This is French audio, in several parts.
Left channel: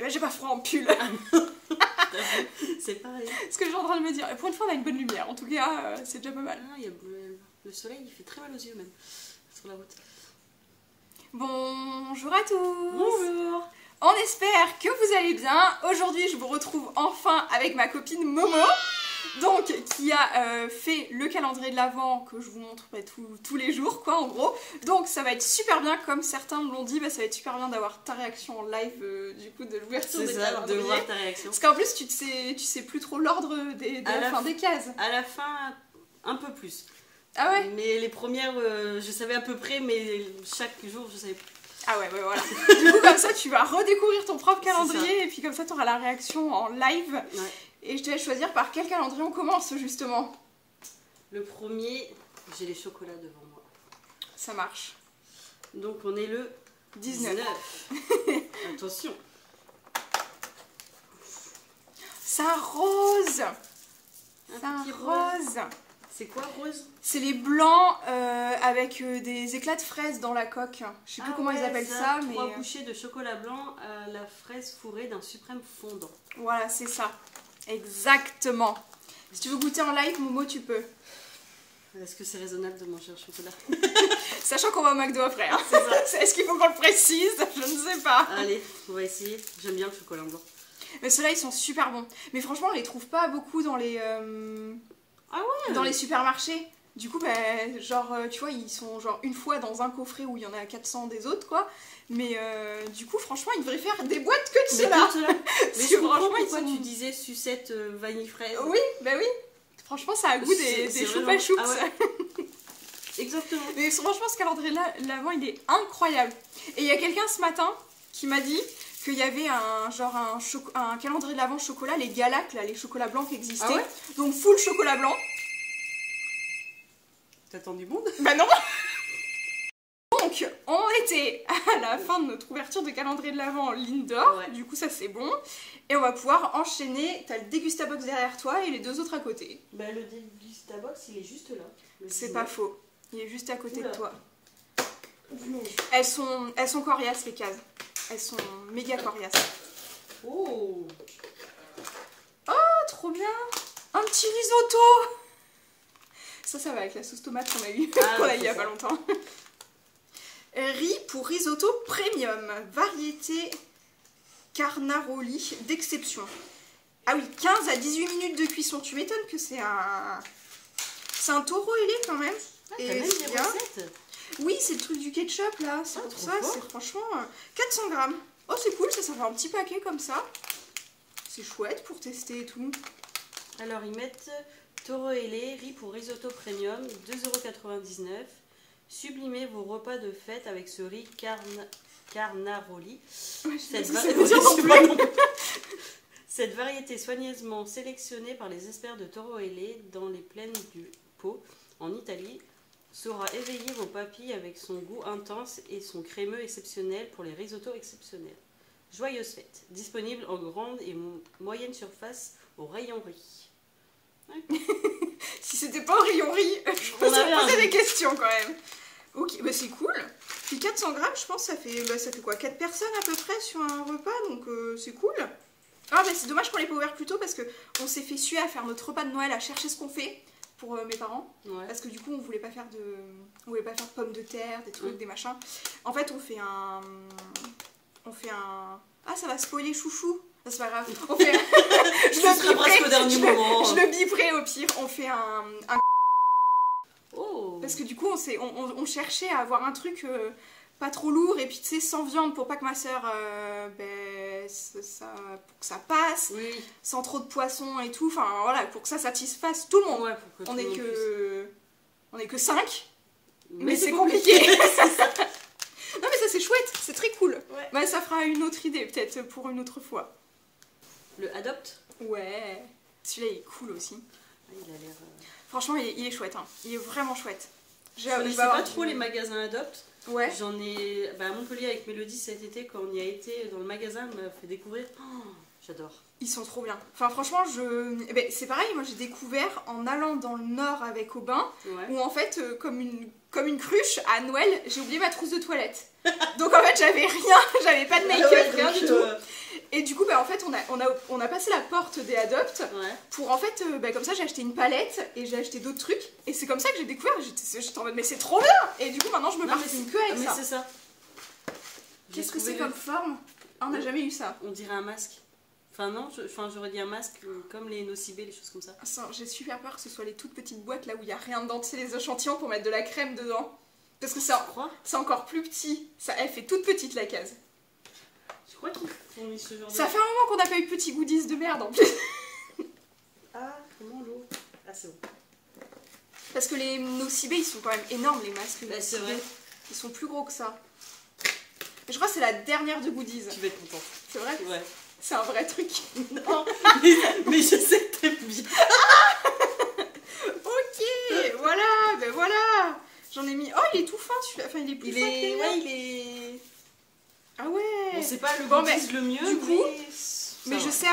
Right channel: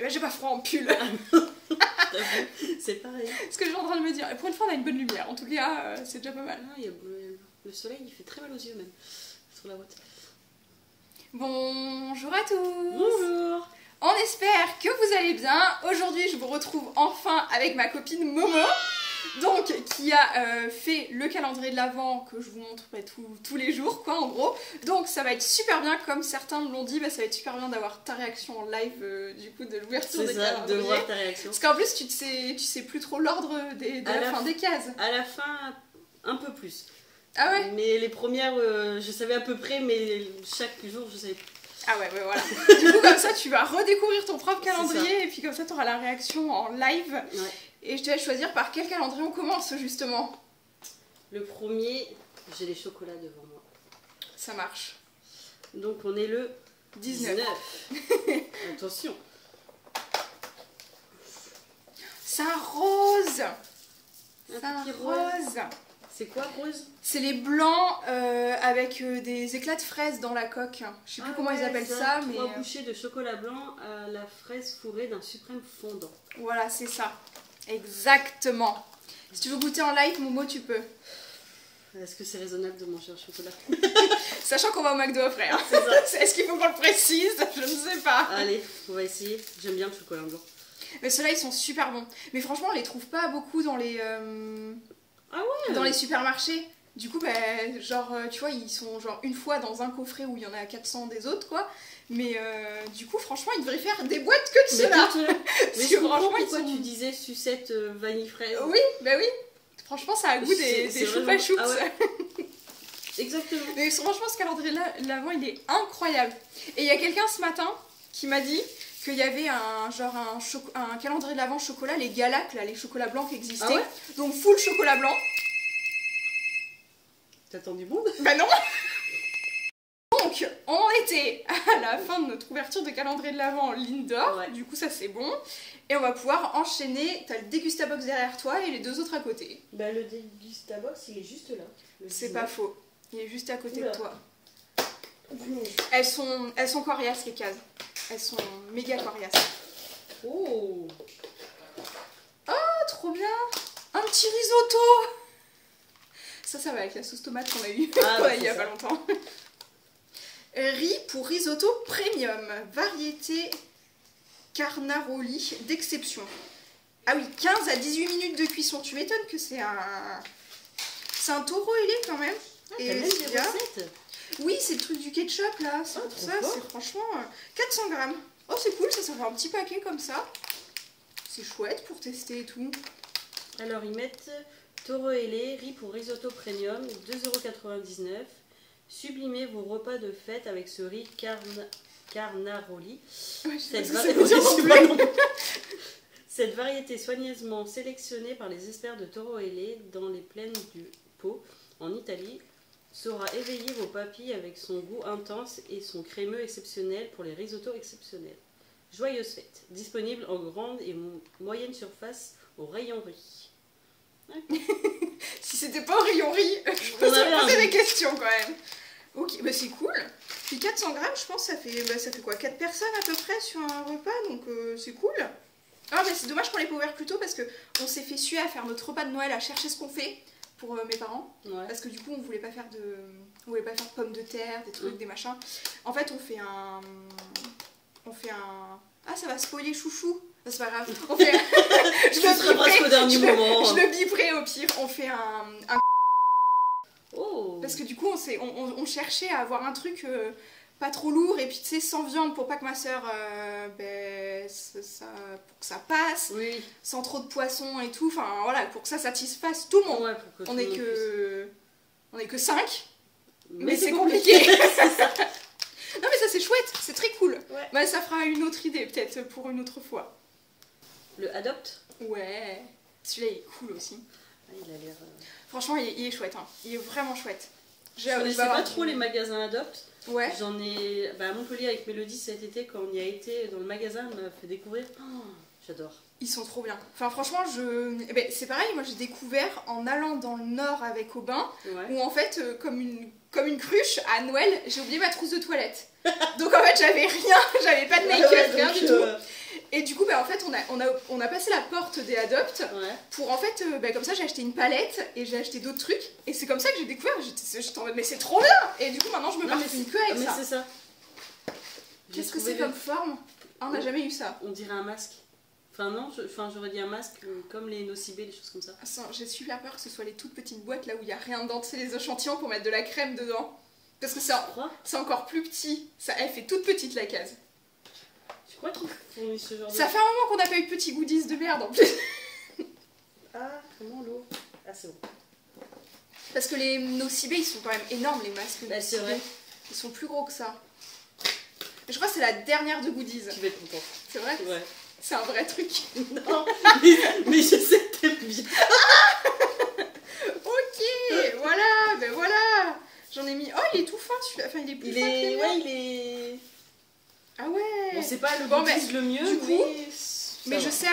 bah, j'ai pas froid en pull. C'est pareil. Ce que je suis en train de me dire. Et pour une fois, on a une bonne lumière. En tout cas, c'est déjà pas mal. Ah, le soleil, il fait très mal aux yeux même. Sur la route. Bonjour à tous. Bonjour. On espère que vous allez bien. Aujourd'hui, je vous retrouve enfin avec ma copine Momo. Donc, qui a fait le calendrier de l'Avent que je vous montre tous les jours, quoi, en gros. Donc, ça va être super bien, comme certains me l'ont dit, bah, ça va être super bien d'avoir ta réaction en live, du coup, de l'ouverture des calendriers. De voir ta réaction. Parce qu'en plus, tu sais plus trop l'ordre des cases. À la fin, un peu plus. Ah ouais? Mais les premières, je savais à peu près, mais chaque jour, je savais plus. Ah ouais, voilà. Du coup, comme ça, tu vas redécouvrir ton propre calendrier, et puis comme ça, tu auras la réaction en live. Ouais. Et je te laisse choisir par quel calendrier on commence, justement. Le premier, j'ai les chocolats devant moi. Ça marche. Donc, on est le 19. Attention. C'est un rose. C'est un petit rose. C'est quoi, rose? C'est les blancs avec des éclats de fraises dans la coque. Je sais plus comment ils appellent ça, mais... 3 bouchées de chocolat blanc à la fraise fourrée d'un suprême fondant. Voilà, c'est ça. Exactement. Si tu veux goûter en live, Momo, tu peux. Est-ce que c'est raisonnable de manger un chocolat? Sachant qu'on va au McDo après. Hein. Est-ce qu'il faut qu'on le précise? Je ne sais pas. Allez, on va essayer. J'aime bien le chocolat blanc. Mais ceux-là, ils sont super bons. Mais franchement, on les trouve pas beaucoup dans les... Ah ouais? Dans les supermarchés. Du coup, bah, genre, tu vois, ils sont genre une fois dans un coffret où il y en a 400 des autres, quoi. Mais du coup, franchement, ils devraient faire des boîtes que de ceux-là. Mais je comprends pourquoi tu disais sucette vanille fraise. Oui, bah oui. Franchement, ça a goût des choupa choups. Ah ouais. Exactement. Mais franchement, ce calendrier-là, l'avant, il est incroyable. Et il y a quelqu'un ce matin qui m'a dit qu'il y avait un calendrier de l'Avent chocolat, les Galac, là, les chocolats blancs qui existaient. Ah ouais? Donc full chocolat blanc. T'attends du monde? Bah non. Donc, on était à la fin de notre ouverture de calendrier de l'Avent en ligne d'or. Ouais. Du coup, ça c'est bon. Et on va pouvoir enchaîner. T'as le Dégustabox derrière toi et les deux autres à côté. Bah le Dégustabox, il est juste là. C'est pas faux. Il est juste à côté de toi. Elles sont coriaces les cases. Elles sont méga coriaces. Oh! Oh, trop bien! Un petit risotto! Ça va avec la sauce tomate qu'on a eu il y a pas longtemps. Riz pour risotto premium. Variété Carnaroli d'exception. Ah oui, 15 à 18 minutes de cuisson. Tu m'étonnes que c'est un taureau ailé quand même. Ah, et même des recettes. Oui, c'est le truc du ketchup là. C'est pour ça, c'est franchement 400 grammes. Oh, c'est cool, ça fait un petit paquet comme ça. C'est chouette pour tester et tout. Alors, ils mettent taureau ailé, riz pour risotto premium, 2,99 €. Sublimez vos repas de fête avec ce riz Carnaroli. Ouais, cette variété soigneusement sélectionnée par les experts de taureau ailé dans les plaines du Pô, en Italie, saura éveiller vos papilles avec son goût intense et son crémeux exceptionnel pour les risottos exceptionnels. Joyeuse fête, disponible en grande et moyenne surface au rayon riz. Si c'était pas au rayon riz, je peux se poser des questions quand même. Ok, bah c'est cool. Puis 400 grammes, je pense, ça fait quoi, 4 personnes à peu près sur un repas, donc c'est cool. Ah, mais c'est dommage qu'on l'ait pas ouvert plus tôt parce qu'on s'est fait suer à faire notre repas de Noël, à chercher ce qu'on fait pour mes parents. Ouais. Parce que du coup, on voulait pas faire de pommes de terre, des trucs, des machins. En fait, on fait un... Ah, ça va spoiler chouchou. C'est pas grave. On fait je le biperai au pire. On fait un... Oh. Parce que du coup, on cherchait à avoir un truc pas trop lourd et puis tu sais, sans viande pour pas que ma soeur, pour que ça passe, oui. Sans trop de poisson et tout. Enfin voilà, pour que ça satisfasse tout le monde. Ouais, on est que 5, mais c'est compliqué. Non mais ça c'est chouette, c'est très cool. Ouais. Bah, ça fera une autre idée peut-être pour une autre fois. Le Adopt? Ouais, celui-là il est cool aussi. Ah, il a l'air... Franchement il est chouette, hein. Il est vraiment chouette. Je connaissais pas trop les magasins Adopt. Ouais. J'en ai à Montpellier avec Mélodie cet été, quand on y a été dans le magasin, elle m'a fait découvrir. Oh, j'adore. Ils sont trop bien. Enfin franchement, c'est pareil, moi j'ai découvert en allant dans le nord avec Aubin, ouais. Où en fait, comme une cruche, à Noël, j'ai oublié ma trousse de toilette. Donc en fait j'avais rien, j'avais pas de make-up, rien du tout. Et du coup en fait, on a passé la porte des Adopt pour en fait, comme ça, j'ai acheté une palette et j'ai acheté d'autres trucs. Et c'est comme ça que j'ai découvert. J'étais en mode, mais c'est trop bien! Et du coup, maintenant, je me parfume que avec ça. Mais c'est ça. Qu'est-ce que c'est comme forme? Ah, on n'a jamais eu ça. On dirait un masque. Enfin, non, j'aurais dit un masque comme les Nocibé, les choses comme ça. J'ai super peur que ce soit les toutes petites boîtes là où il n'y a rien dedans, c'est les échantillons pour mettre de la crème dedans. Parce que c'est encore plus petit. Elle fait toute petite la case. Tu crois qu'ils font ce genre de... Ça fait un moment qu'on n'a pas eu de petits goodies de merde en plus. Ah, comment l'eau? Ah, c'est bon. Parce que les Nocibé, ils sont quand même énormes, les masques. Bah, c'est vrai. Ils sont plus gros que ça. Mais je crois que c'est la dernière de goodies. Tu vas être contente. C'est vrai? Ouais. C'est un vrai truc. Non, mais je sais que t'aimes bien. Ok, voilà, ben voilà. J'en ai mis... Oh, il est tout fin celui-là. Enfin, il est plus fin que les... Ouais, il est... Ah ouais. Bon, c'est pas le goodies le mieux, du coup, mais je sais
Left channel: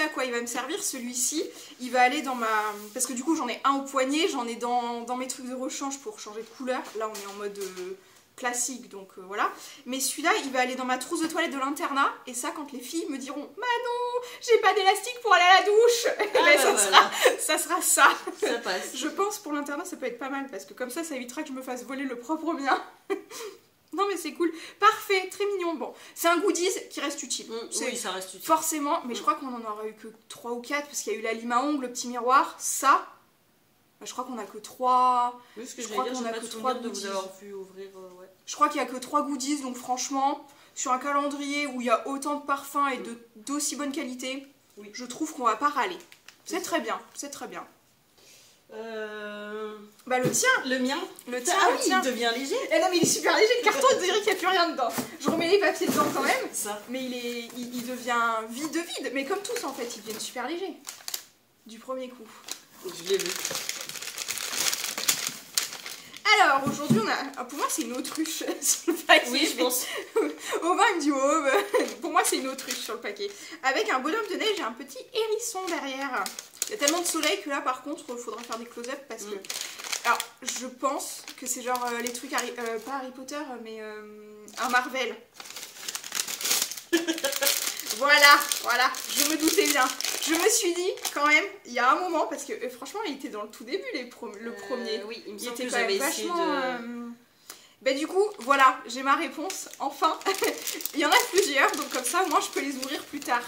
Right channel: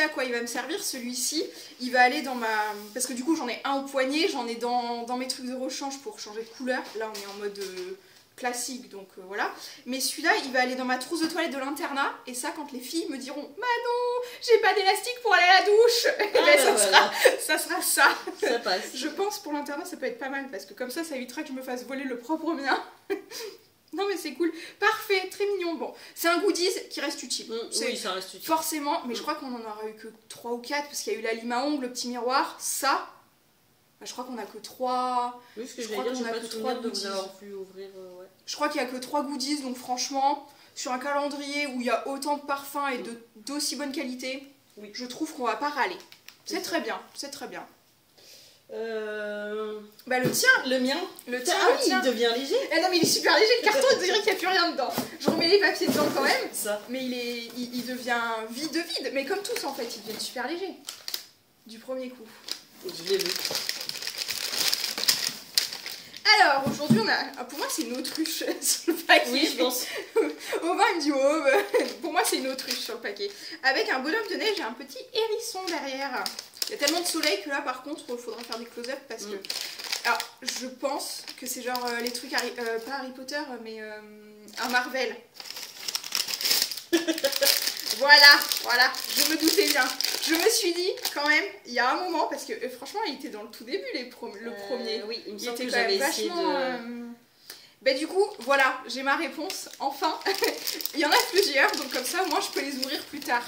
à quoi il va me servir, celui-ci. Il va aller dans ma... Parce que du coup, j'en ai un au poignet, j'en ai dans mes trucs de rechange pour changer de couleur. Là, on est en mode classique, donc voilà. Mais celui-là, il va aller dans ma trousse de toilette de l'internat. Et ça, quand les filles me diront « Manon, j'ai pas d'élastique pour aller à la douche !» ça sera ça. Ça passe. Je pense pour l'internat, ça peut être pas mal, parce que comme ça évitera que je me fasse voler le propre mien. Non mais c'est cool, parfait, très mignon. Bon, c'est un goodies qui reste utile. Oui, ça reste utile. Forcément, mais je crois qu'on en aura eu que 3 ou 4 parce qu'il y a eu la lime à ongles, le petit miroir, ça. Bah, je crois qu'on a que 3. Oui, ce que je crois qu'on a que 3 de vous avoir vu ouvrir. Ouais. Je crois qu'il y a que 3 goodies, donc franchement, sur un calendrier où il y a autant de parfums et d'aussi bonne qualité, je trouve qu'on va pas râler. C'est très bien, c'est très bien. Bah le tien. Le mien. Le tien. Ah oui, il devient léger. Eh non mais il est super léger, le carton on dirait qu'il n'y a plus rien dedans. Je remets les papiers dedans quand même. Ça. Mais il devient vide. Mais comme tous en fait, il devient super léger. Du premier coup. Je l'ai vu. Alors aujourd'hui on a... Pour moi c'est une autruche sur le paquet. Oui je pense. Aubin il me dit oh, bah, pour moi c'est une autruche sur le paquet. Avec un bonhomme de neige et un petit hérisson derrière. Il y a tellement de soleil que là par contre il faudra faire des close-up parce que... Alors je pense que c'est genre les trucs, pas Harry Potter mais un Marvel. Voilà, je me doutais bien. Je me suis dit quand même, il y a un moment, parce que franchement il était dans le tout début le premier. Oui, il me il semble était que quand même j'avais essayé de... Bah du coup, voilà, j'ai ma réponse, enfin. Il y en a plusieurs, donc comme ça, moi je peux les ouvrir plus tard.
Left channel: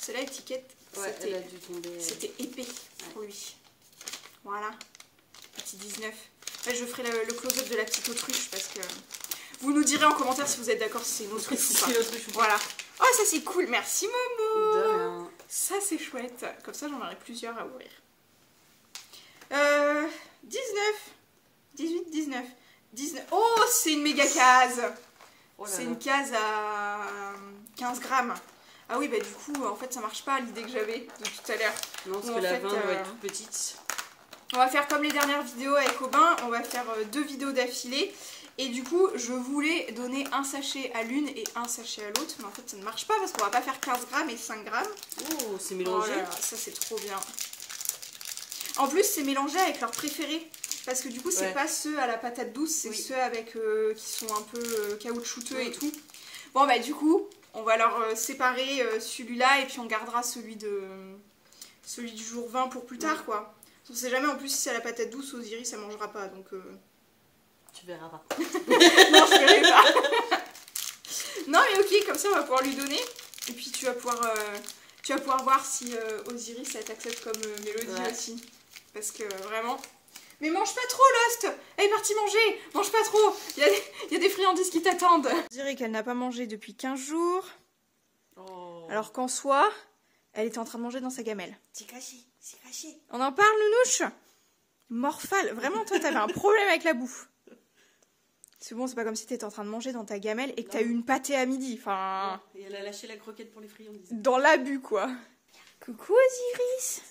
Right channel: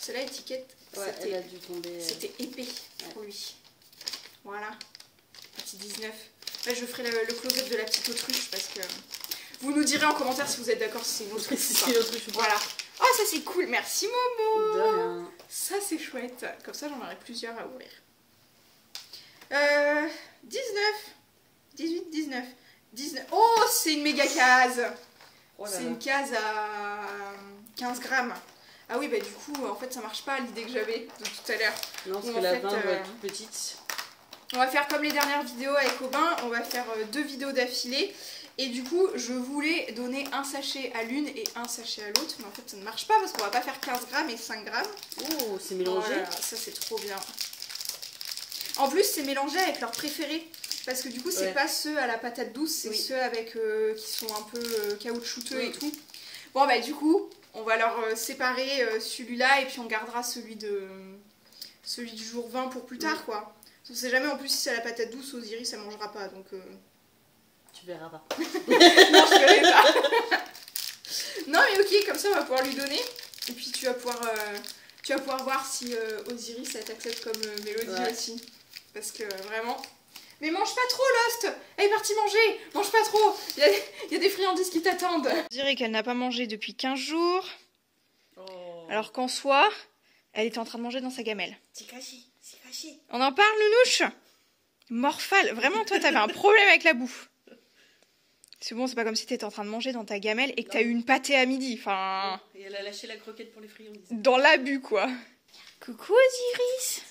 Celle-là, étiquette, ouais, elle a dû tomber. C'était épais pour lui. Voilà, petit 19. Là, je ferai le close-up de la petite autruche parce que... Vous nous direz en commentaire si vous êtes d'accord si c'est une autruche ou pas. Voilà. Oh, ça c'est cool, merci Momo. De rien. Ça c'est chouette. Comme ça, j'en aurai plusieurs à ouvrir. 19. Oh, c'est une méga case. Oh c'est une case à 15 grammes. Ah oui, bah du coup, en fait, ça marche pas l'idée que j'avais de tout à l'heure. Non, parce que la vin doit être toute petite. On va faire comme les dernières vidéos avec Aubin. On va faire 2 vidéos d'affilée. Et du coup, je voulais donner un sachet à l'une et un sachet à l'autre. Mais en fait, ça ne marche pas parce qu'on va pas faire 15 grammes et 5 grammes. Oh, c'est mélangé. Oh là là, ça, c'est trop bien. En plus, c'est mélangé avec leurs préférés. Parce que du coup, c'est pas ceux à la patate douce, c'est ceux avec qui sont un peu caoutchouteux et tout. Bon, bah du coup, on va leur séparer celui-là et puis on gardera celui du jour 20 pour plus tard, quoi. On sait jamais, en plus, si c'est à la patate douce, Osiris, ça mangera pas, donc... Tu verras pas. Non, je verrai pas. Non, mais ok, comme ça, on va pouvoir lui donner. Et puis, tu vas pouvoir voir si Osiris, elle t'accepte comme Mélodie aussi. Parce que, vraiment... Mais mange pas trop, Lost. Elle est partie manger. Mange pas trop. Il y a des friandises qui t'attendent. Je dirais qu'elle n'a pas mangé depuis 15 jours. Oh. Alors qu'en soi, elle était en train de manger dans sa gamelle. C'est caché, c'est caché. On en parle, Nounouche? Morphale. Vraiment, toi, t'avais un problème avec la bouffe. C'est bon, c'est pas comme si t'étais en train de manger dans ta gamelle et que t'as eu une pâtée à midi. Enfin... Et elle a lâché la croquette pour les friandises. Dans l'abus, quoi. Coucou, Osiris.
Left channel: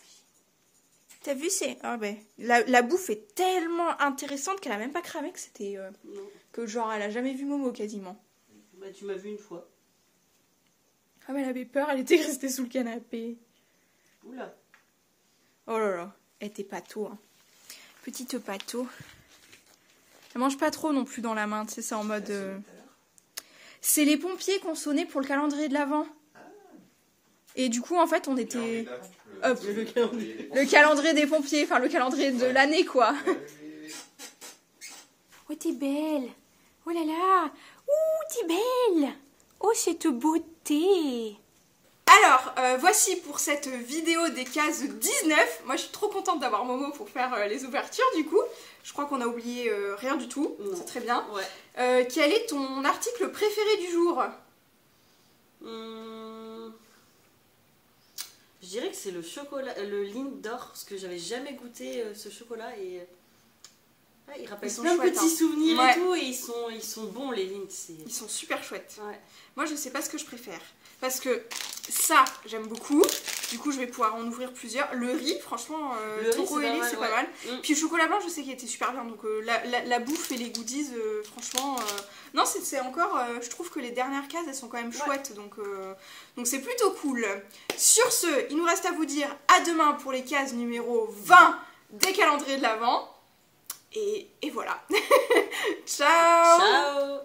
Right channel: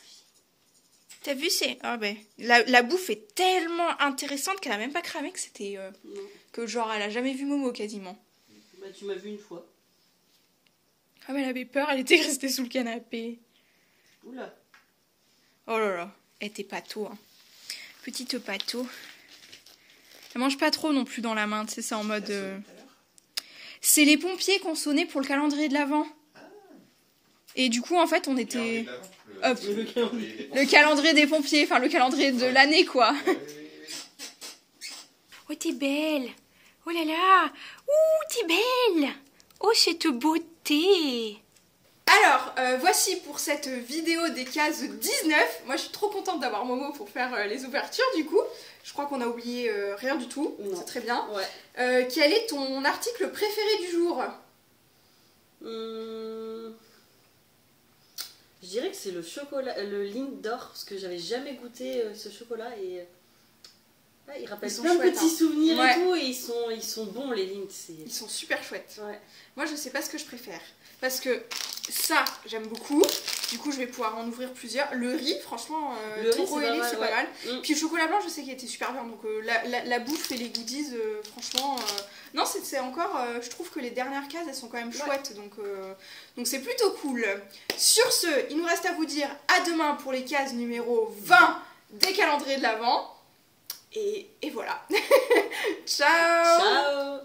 T'as vu, c'est... Ah ben, la bouffe est tellement intéressante qu'elle a même pas cramé que c'était... que genre, elle a jamais vu Momo, quasiment. Bah, tu m'as vu une fois. Ah mais elle avait peur, elle était restée sous le canapé. Oula. Oh là là, elle était pâteau, hein. Petite pâteau. Elle mange pas trop non plus dans la main, tu sais, c'est en mode... C'est les pompiers qu'on sonnait pour le calendrier de l'Avent. Et du coup, en fait, on était... Le calendrier des pompiers, enfin le calendrier de l'année, quoi. Oh, t'es belle. Oh là là. Ouh, t'es belle. Oh, cette beauté. Alors, voici pour cette vidéo des cases 19. Moi, je suis trop contente d'avoir Momo pour faire les ouvertures, du coup. Je crois qu'on a oublié rien du tout. C'est très bien. Ouais. Quel est ton article préféré du jour? Je dirais que c'est le chocolat, le Lindor, parce que j'avais jamais goûté ce chocolat et il rappelle plein de petits souvenirs et tout, et ils sont bons les Lindt. Ils sont super chouettes. Ouais. Moi, je sais pas ce que je préfère. Parce que ça, j'aime beaucoup. Du coup, je vais pouvoir en ouvrir plusieurs. Le riz, franchement, Toro Ailé, c'est pas mal. Puis le chocolat blanc, je sais qu'il était super bien. Donc la bouffe et les goodies, franchement... Non, c'est encore... je trouve que les dernières cases, elles sont quand même chouettes. Donc c'est plutôt cool. Sur ce, il nous reste à vous dire à demain pour les cases numéro 20 des calendriers de l'Avent. Et voilà. Ciao. Ciao.